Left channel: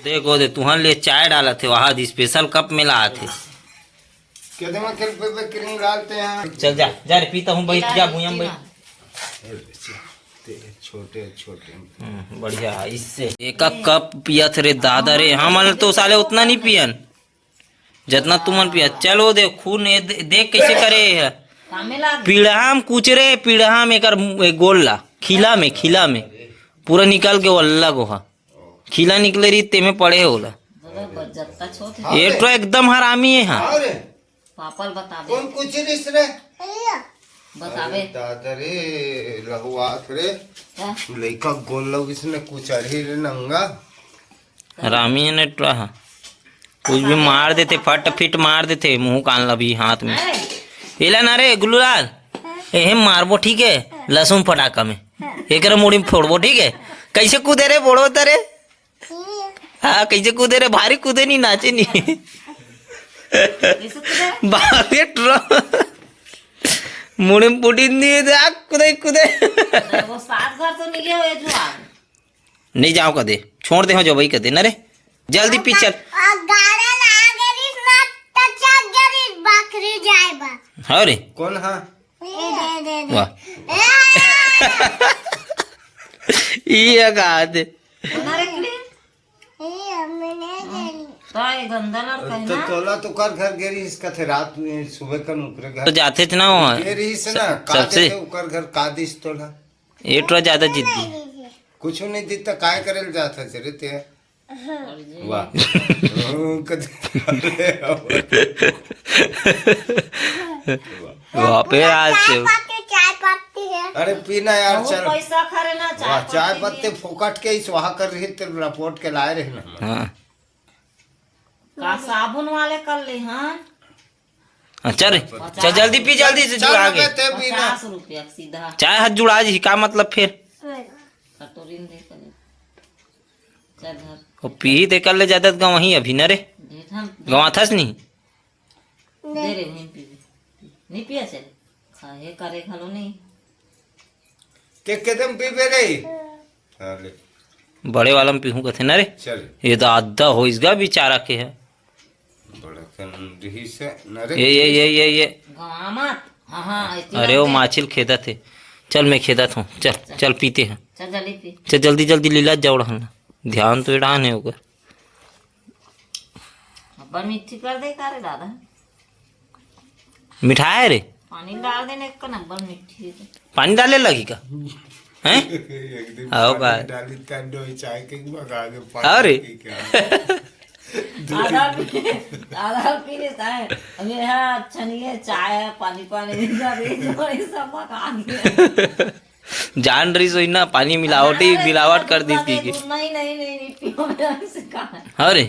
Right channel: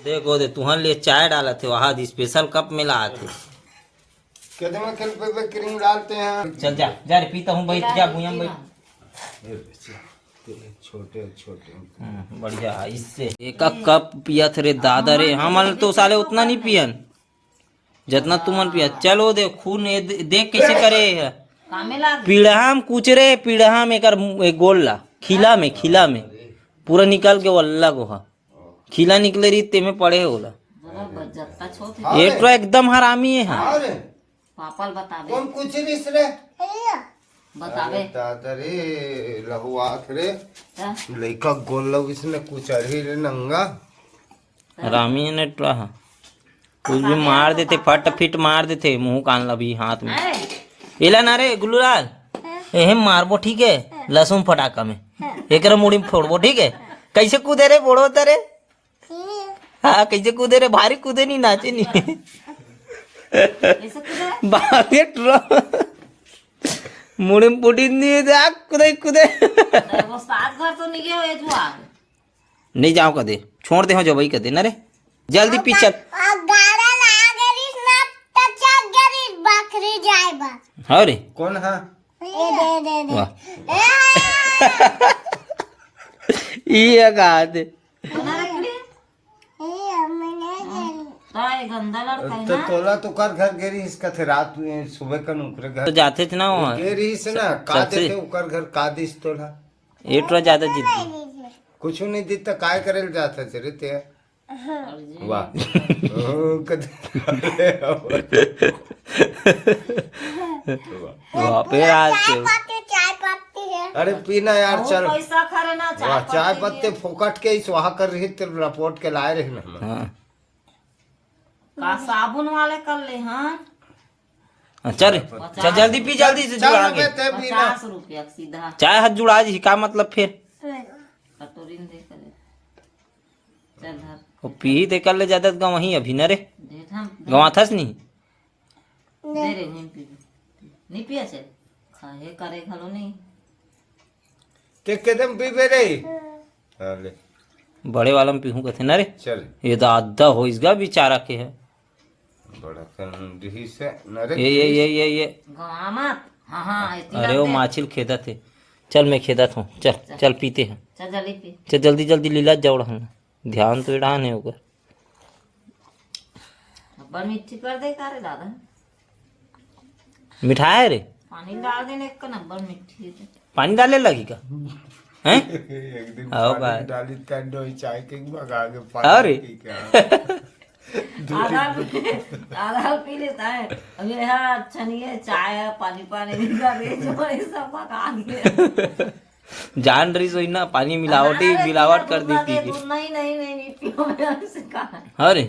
देखो दे तुहन ले चाय डाला थे वहाँ स्पेशल कप में लाए थे। कहते हैं कल पे क्रीम डालते हैं। चल जा जा रे पीता हूँ बैठ जा भूया में बैठ। छोटे छोटे बढ़िया इससे एक कप पिया थे रे दादा रे। हम तो साले उतना नहीं पियन जितना तुमन पिया। चलो दे खून देख कैसे करे है। पीढ़ाम कुचरे पीढ़ाम एक गोला खिला में पूरा निकल के वल्ला गोहा खिला निकले रही ते में पड़े होला। ये तो एकदम हरामी है। हाँ पापल बतावे कौन कुचरिस रे बतावे दादा रे लहुआत रे लइका गोल लोग इसने कुचरी रे नंगा हरामी है ने रहा। कुछ भी मार देते फट फिट मार देते मुंह कान लभी हाथ में। एला ना रे गुल्लूलाल एहे मारबो ठीक है लहसुन फटाका में एक मुड़ी में फोड़बो ठीक है। कैसे कूदे रे बोड़ो तरे। हाँ कैसे कूदे रे भारी कूदे नहीं नाचे नहीं बाबे मुड़ी में पुटी दिए कूदे कूदे वो सात घर तो नहीं गया ये जुआ नहीं जाओ कदे छोड़ दे हो जो भाई कदे ना रे जल्दी पी चल। हाँ रे कौन है वाह ये कहा थे तो तोला तो कर घर गेरी इसका थे रात में सुबह का नुकरे घर तो जाते थे ना वहाँ गेरी से ना कादे थे उकर घर कादिस तोला ये तो ज्यादा जिद्दी कुछ नहीं दिखता काय करेल जाता चले ते वाह वहाँ पे आज अरे पीना यार चल पैसा खरे ना चाय पत्ते फोकट के ही स्वाहा कर रही तेरे रिपोर्ट के लाए रहे ना। हाँ का साबुन वाले कर ले। हाँ चल चल जल्दी पी जल्दी से जुड़ा के 50 रुपया सीधा चाय हाथ जुड़ा जी का मतलब फिर कटोरी में दे कर चल धर वो पी दे कर ले ज्यादा गाँव वहीं अभी न रे दे हम गाँव थस नहीं दे रे नहीं पिया चल खाए करे खलो नहीं के कदम पी पे रे चल बड़े वाला में पीहूँ कथे न रे। चल ये तो आधा हो इसका बेचारा के है। बड़ा कंडी से न रे ये गवा मत। हाँ हाँ अरे वो माछिल खेदा थे। चल मैं खेदा था चल चल पीते हैं चल जल्दी पी चल जल्दी जल्दी लीला जाओ रहना ध्यान तो इड़ान है होकर अब्बा मिट्टी कर दे का रे दादा मिठाई है रे पानी डाल देने एक नंबर मिट्टी है। पानी डाले लगी का हैं आओ भाई डाली कंडो चाय के मगा के अरे आधा पी लेता है अब ये है अच्छा नहीं है चाय पानी सब पका दिए जान रही सोई ना पानी मिलावट कर दी थी नहीं नहीं नहीं पियो से कहा अरे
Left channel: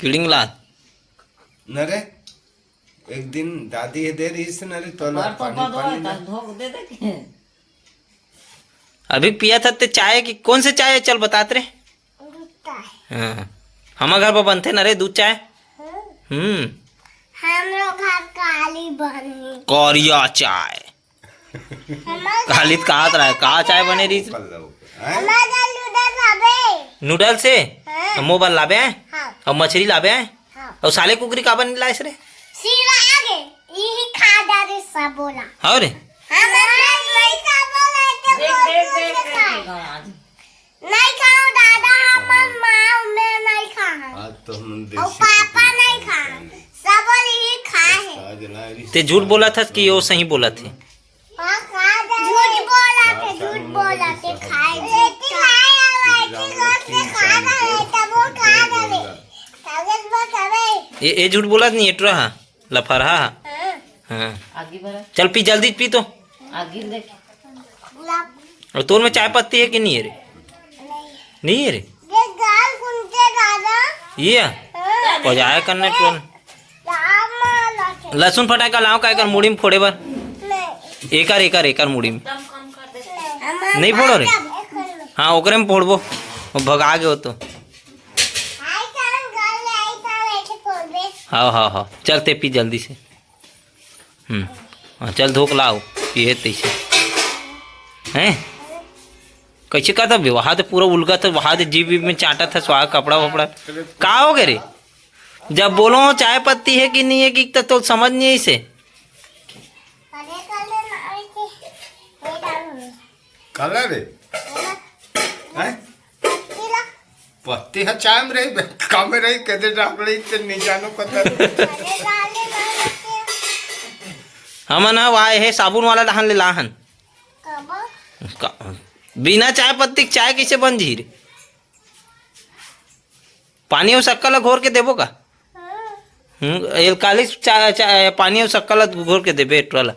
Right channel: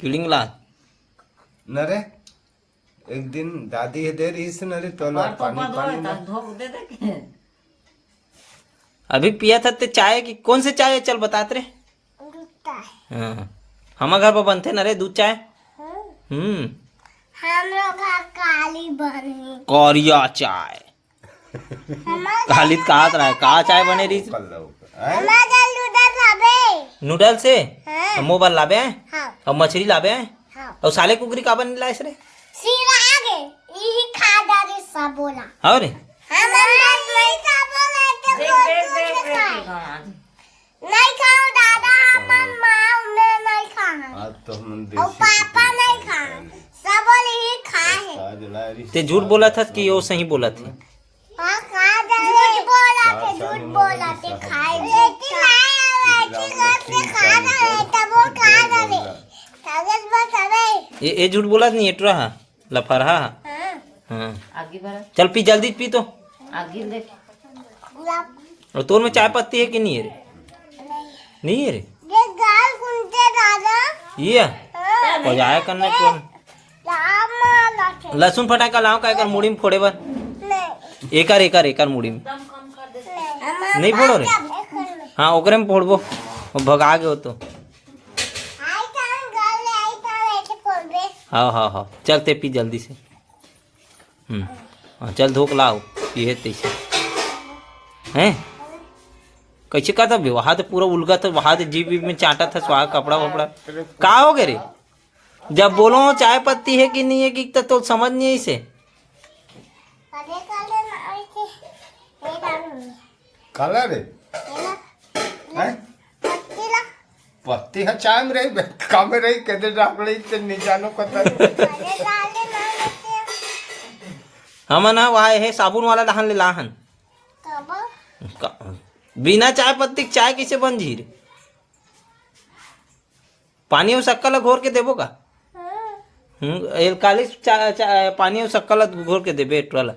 किडिंग ला न रे एक दिन दादी है दे रही से न रे तो धोख दे दे के अभी पिया था ते चाय की कौन से चाय है चल बताते रे। हाँ हमारे घर पर बनते ना रे दूध चाय। हम लोग घर काली बनी कौरिया चाय काली कहा रहा कहा चाय बने रही नूडल से मोबाइल लाबे हैं और मछली लाबे हैं और साले कुकरी का बन लाए रे सीरा आगे यही खा जा रे सब बोला और हम नहीं खा बोला देख नहीं खाऊं दादा हम माँ मैं नहीं खा अब तो हम और पापा नहीं खा सब यही खा है देसी ते झूठ बोला था कि वो सही बोला थे। झूठ बोला थे खाए ये झूठ बोला नहीं एट रहा लफरहा। हाँ आगे बढ़ा चल पी जल्दी पी तो आगे देख और तोर में चाय पत्ती है कि नहीं है रे नहीं है रे ये गाल कुंते दादा ये पजाया करने कौन लहसुन फटाका लाओ का एक मुड़ी में फोड़े बार एकर मुड़ी में नहीं फोड़ो रे। हाँ ओकरे में फोड़बो भगा गए हो तो हाँ चलते पी जल्दी से। हाँ चल धोक लाओ ये तैसे हैं कैसे का था बे वहां तो पूरा उलगा था वहां तो जीभ में चाटा था स्वाहा कपड़ा वपड़ा का हो गए रे जब बोलो चाय पत्ती है कि नहीं है कि तो समझ नहीं है इसे काले काले नाई के ये डालूंगी कलर है हैं? पत्तीला पत्ती है चाय में रही काम में रही कहते डाकले इतने नहीं जानो पता काले काले नाई के हम ना वहाँ है साबुन वाला डहान ले लाहन कब बिना चाय पत्ती के चाय कैसे बन जी रे पानी और शक्कर घोर के देबो का एलकालिस चाय पानी और शक्कर घोर के देबे वाला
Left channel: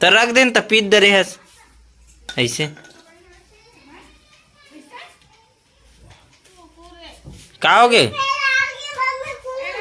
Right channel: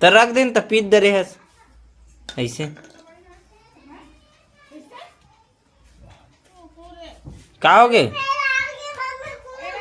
तो रख देन तो पीत दे रहे ऐसे का हो गए